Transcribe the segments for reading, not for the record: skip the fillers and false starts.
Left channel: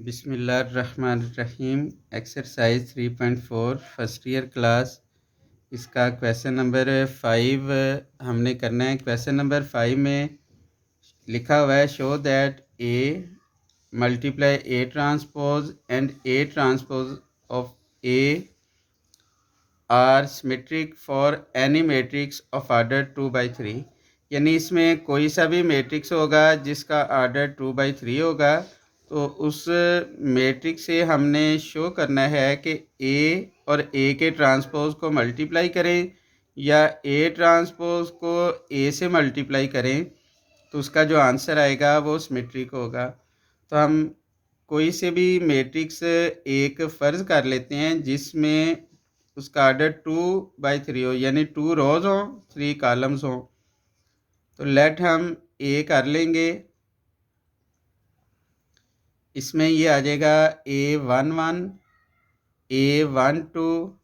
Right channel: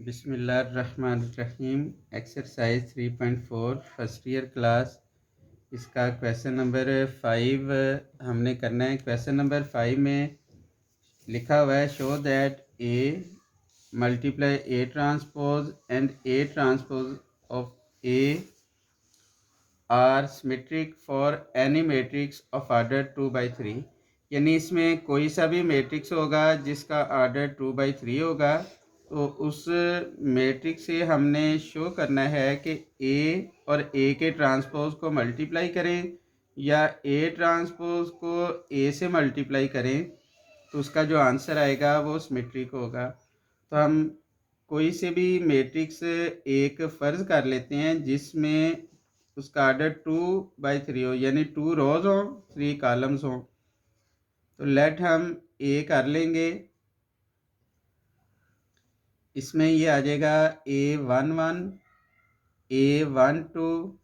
बिस्मिल्लाहिर्रहमानिर्रहीम। Exercise 3.4 first year class. इसका question number 5 हमने करना है। क्वेश्चन नंबर 5 में लिखा हुआ है show that A multiply A transpose and A transpose of A R symmetric for any matrix of order 2/3। यानी इसमें कोई सा भी मैट्रिक्स होगा जिसका आर्डर 2/3 होगा, तो उस मैट्रिक्स से हमने शो करना है कि ए और ए के ट्रांसपोज को मल्टीप्लाई करें या ए ट्रांसपोज को ए से मल्टीप्लाई करें, तो उसका जो आंसर आएगा वो सिमेट्रिक होगा। तो हम कोई से भी मैट्रिक्स एक फ़र्ज़ कर लेते हैं जिसमें उसका आर्डर 2/3 हो, यानी 2 रोज़ हों 3 कॉलम्स हों। तो लेट हम ए कर लेंगे। इसमें ये आ जाएगा A11 A12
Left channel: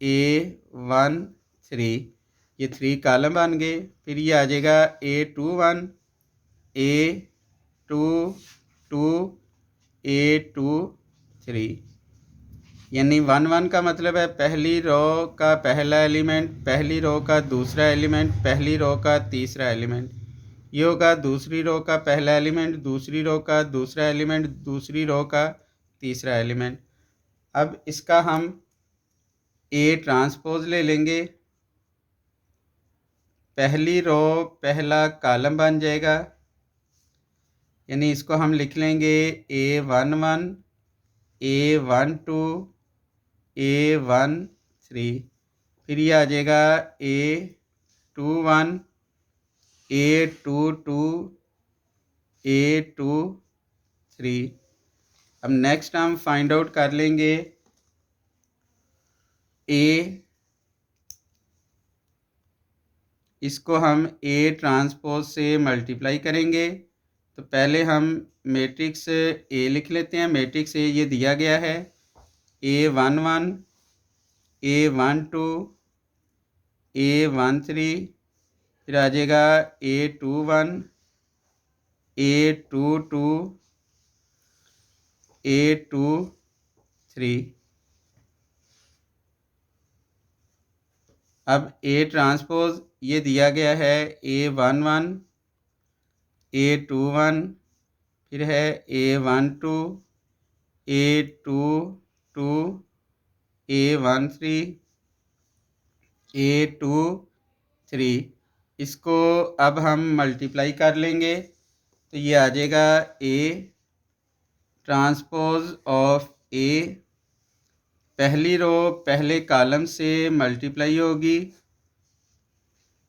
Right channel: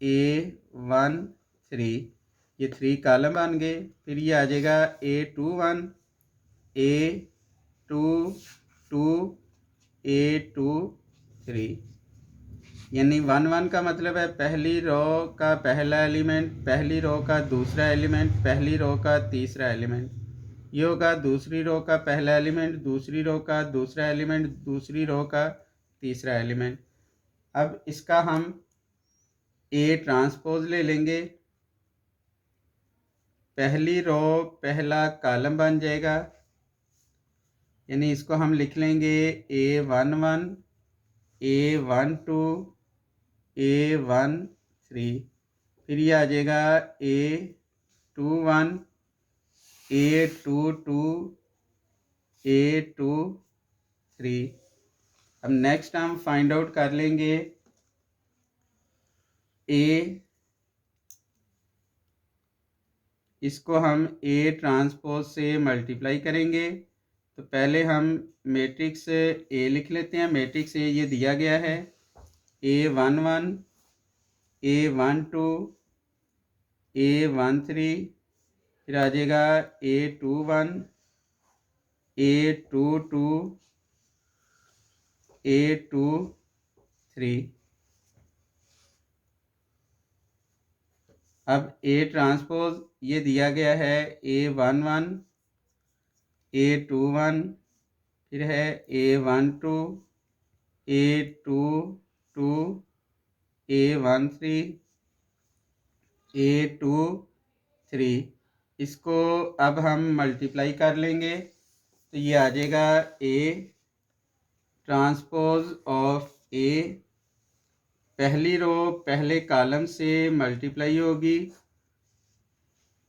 A13, ये 3 कॉलम बन गए। फिर ये आ जाएगा A21 A22 A23, यानी 1 का मतलब है पहली रो का पहला एलिमेंट, पहली रो का दूसरा एलिमेंट, पहली रो का तीसरा एलिमेंट। ये होगा दूसरी रो का पहला एलिमेंट, दूसरी रो का दूसरा एलिमेंट, दूसरी रो का तीसरा एलिमेंट। अब इसका हम ए ट्रांसपोज ले लेंगे। पहली रो पहला कॉलम बन जाएगा, यानी इसको हम लिख लेंगे A11 A12 A13। फिर ये आ जाएगा A21 A22 A23। अब नेक्स्ट हम फाइंड आउट कर लेंगे ए, इसको हम ए ट्रांसपोज से मल्टीप्लाई करेंगे। तो पहले हम मैट्रिक्स ए लिख लेते हैं। मैट्रिक्स ए ये दिया गया है A11 A12 A13, फिर आ जाएगा A21 A22 A23। अब ए ट्रांसपोज ये दिया गया है A11 A21, फिर है A12 A22 A13 A23। इसको अब हम मल्टीप्लाई कर लेंगे, तो ये आ जाएगा ए ट्रांसपोज ऑफ ए। पहली रो पहले कॉलम से मल्टीप्लाई होगी,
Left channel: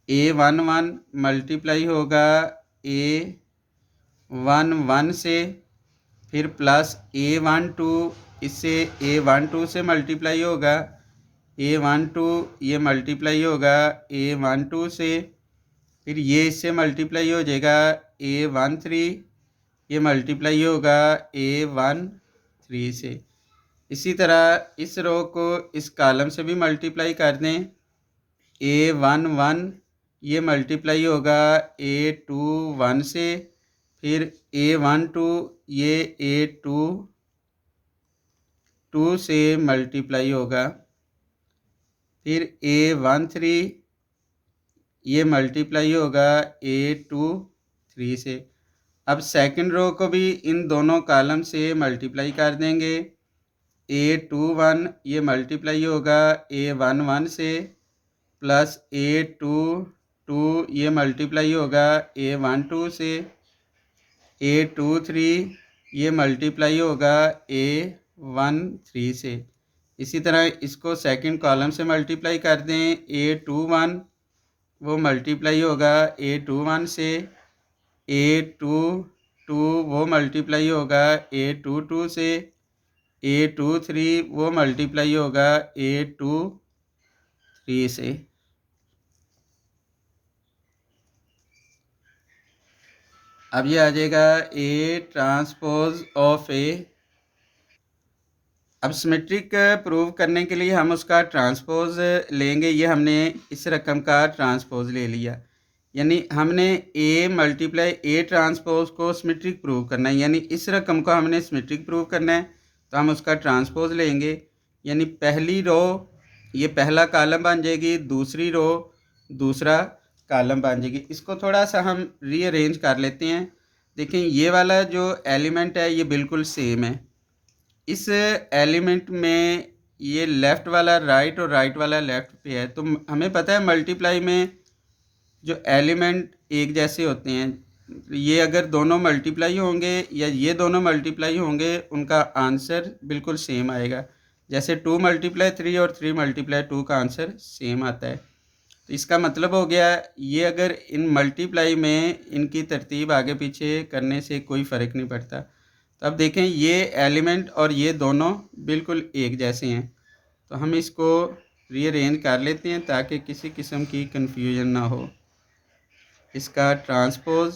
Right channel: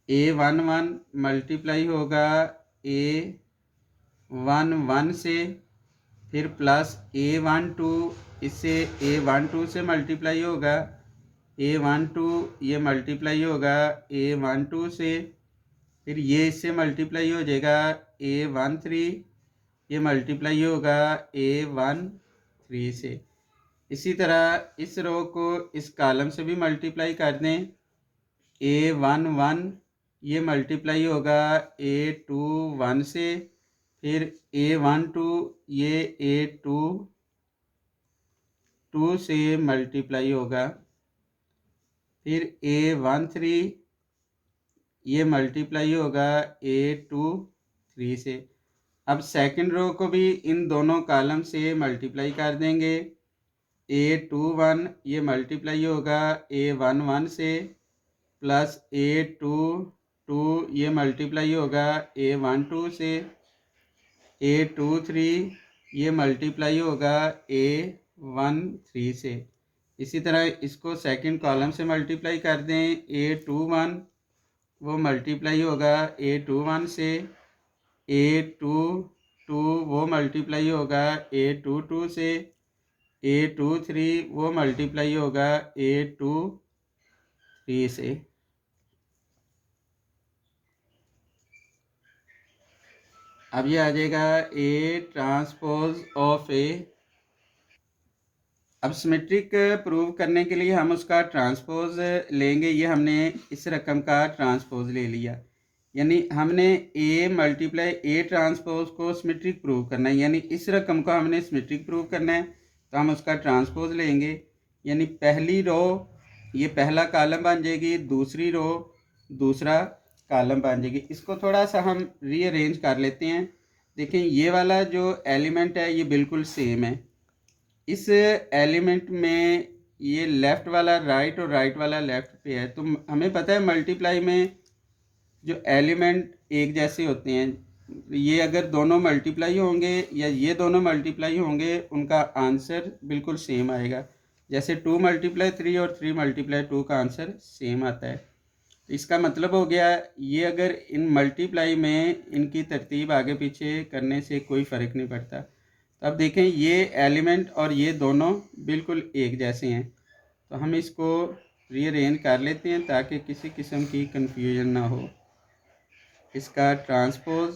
A11 मल्टीप्लाई होगा A11 से, फिर प्लस A12 इससे A12 से मल्टीप्लाई होगा, A12 ये मल्टीप्लाई होगा A12 से, फिर ये इससे मल्टीप्लाई हो जाएगा A13, ये मल्टीप्लाई होगा A13 से। इसी तरह इस रो को इस कॉलम से भी मल्टीप्लाई कर दें। A11 ये मल्टीप्लाई होगा A21 से, फिर A12 ये A22 से मल्टीप्लाई होगा, फिर A13 ये मल्टीप्लाई होगा A23 से। अब सेकंड रो को भी इन दोनों कॉलम से मल्टीप्लाई कर देंगे। A21 ये मल्टीप्लाई होगा A11 से, प्लस A22 ये मल्टीप्लाई होगा A12 से, A23 ये मल्टीप्लाई होगा A13 से। इसी तरह इसको सेकंड कॉलम से मल्टीप्लाई कर दें। A21 वो मल्टीप्लाई होगा A21 से, A22 वो मल्टीप्लाई होगा A22 से, A23 वो मल्टीप्लाई होगा A23 से। अब ये आ जाएगा ए ट्रांसपोज ऑफ ए। अब सिमेट्रिक प्रूव करने के लिए हम उसका ट्रांसपोज लेंगे। ये हमने इस रकम का ट्रांसपोज ले लिया। यानी हमने ए मल्टीप्लाई ए ट्रांसपोज को सिमेट्रिक प्रूव करना है, यानी इस रकम को हमने सिमेट्रिक प्रूव करना है तो हम उसका ट्रांसपोज लेंगे। यानी पहली रो ये पहला कॉलम बन जाएगी, दूसरी रो दूसरा कॉलम बन जाएगी। इसको थोड़ा सा हम रीअरेंज कर लेते हैं। देखें ये वाला जो एलिमेंट है ये बिल्कुल सेम है। इस एलिमेंट में ये लेफ़्ट वाला राइट और राइट वाला लेफ़्ट पे है, तो हमें पता है मल्टीप्लाई में जो एलिमेंट एक जैसे होते हैं, ये अगर दोनों मल्टीप्लाई होंगे या ये दोनों मल्टीप्लाई होंगे उनका आंसर बिल्कुल सेम आएगा। जैसे 2 मल्टीप्लाई 3 और 3 मल्टीप्लाई 2 का आंसर सेम आता है। तो इसका मतलब हो गया ये अगर इन मल्टीप्लाई में इनकी तरतीब आगे पीछे करने से कोई फ़र्क नहीं पड़ता। तो अब देखें ये एलिमेंट और ये दोनों बिल्कुल एक जैसे हैं, तो हम इसको रीअरेंज कर लेते हैं ताकि किसी किस्म की कन्फ्यूजन ना हो। इसका ट्रांसपोज,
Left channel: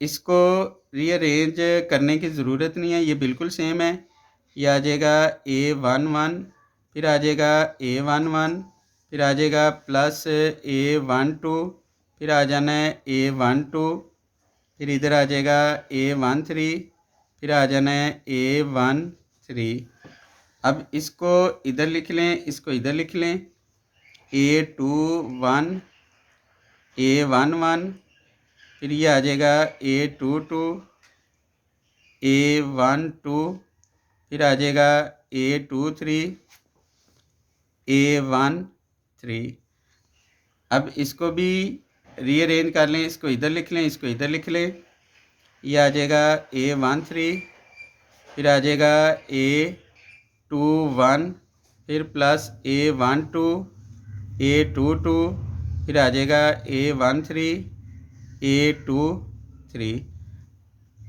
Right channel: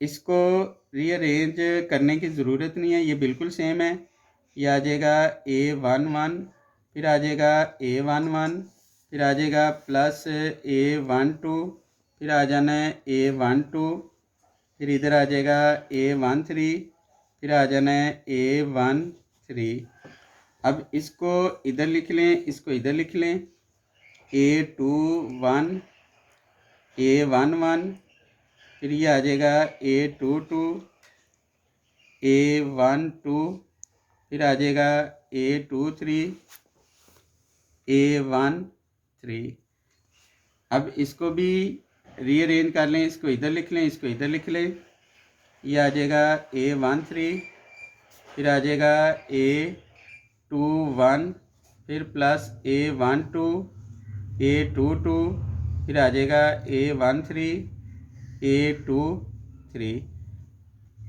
इसको रीअरेंज करने की ज़रूरत नहीं है, ये बिल्कुल सेम है। ये आ जाएगा A11, फिर आ जाएगा A11, फिर आ जाएगा प्लस A12, फिर आ जाना है A12, फिर इधर आ जाएगा A13, फिर आ जाना है A13। अब इसको इधर लिख लें, इसको इधर लिख लें। A21, A11, फिर ये आ जाएगा A22, A12, फिर आ जाएगा A23, A13। अब इसको भी रीअरेंज कर लें, इसको इधर लिख लें, इसको इधर लिख लें। ये आ जाएगा A13, फिर आ जाएगा A21, फिर प्लस A12, A22, फिर आ जाएगा A13, A23।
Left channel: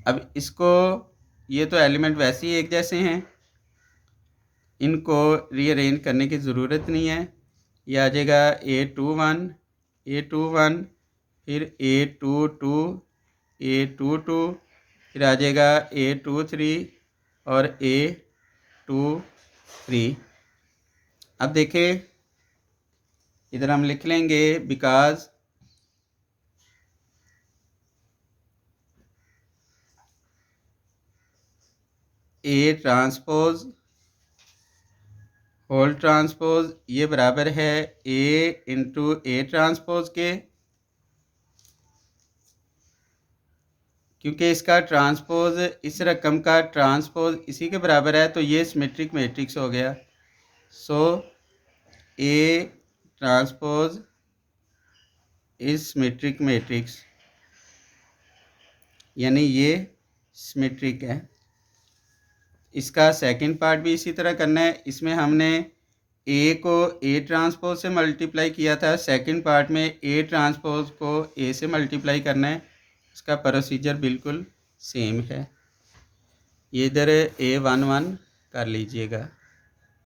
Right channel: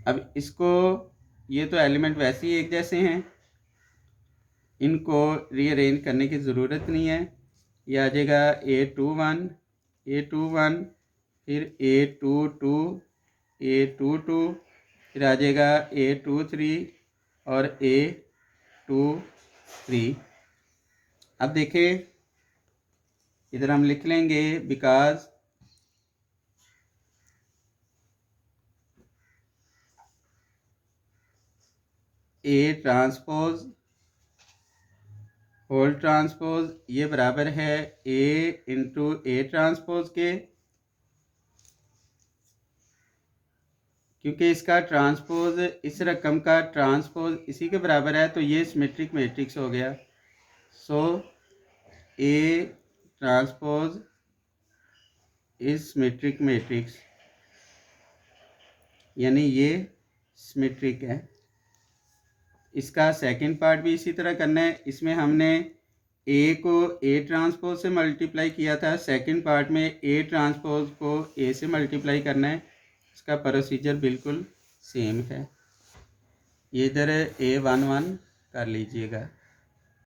अब इसको, ये तो एलिमेंट वैसे ही एक जैसे हैं, इनको रीअरेंज करने की ज़रूरत नहीं है। ये आ जाएगा A21, A21, फिर A22, A22, फिर आ जाएगा A23 और A23। अब देखें इधर हम लिख लेंगे because A transpose whole transpose ये बराबर है A इंटू A ट्रांसपोज के, क्योंकि इसका ट्रांसपोज इस रकम का ट्रांसपोज इसी के बराबर है, तो ये सिमेट्रिक मैट्रिक्स हो गया। सो A transpose is symmetric matrix, यानी ये सिमेट्रिक है। इसका सेकंड पार्ट भी इसी तरह करना है। इसमें हमने A को A ट्रांसपोज से मल्टीप्लाई किया था, सेकंड पार्ट में A ट्रांसपोज को A से मल्टीप्लाई करना है। इसका प्रोसीजर बिल्कुल सेम है। ये इधर A11 कर लीजिएगा।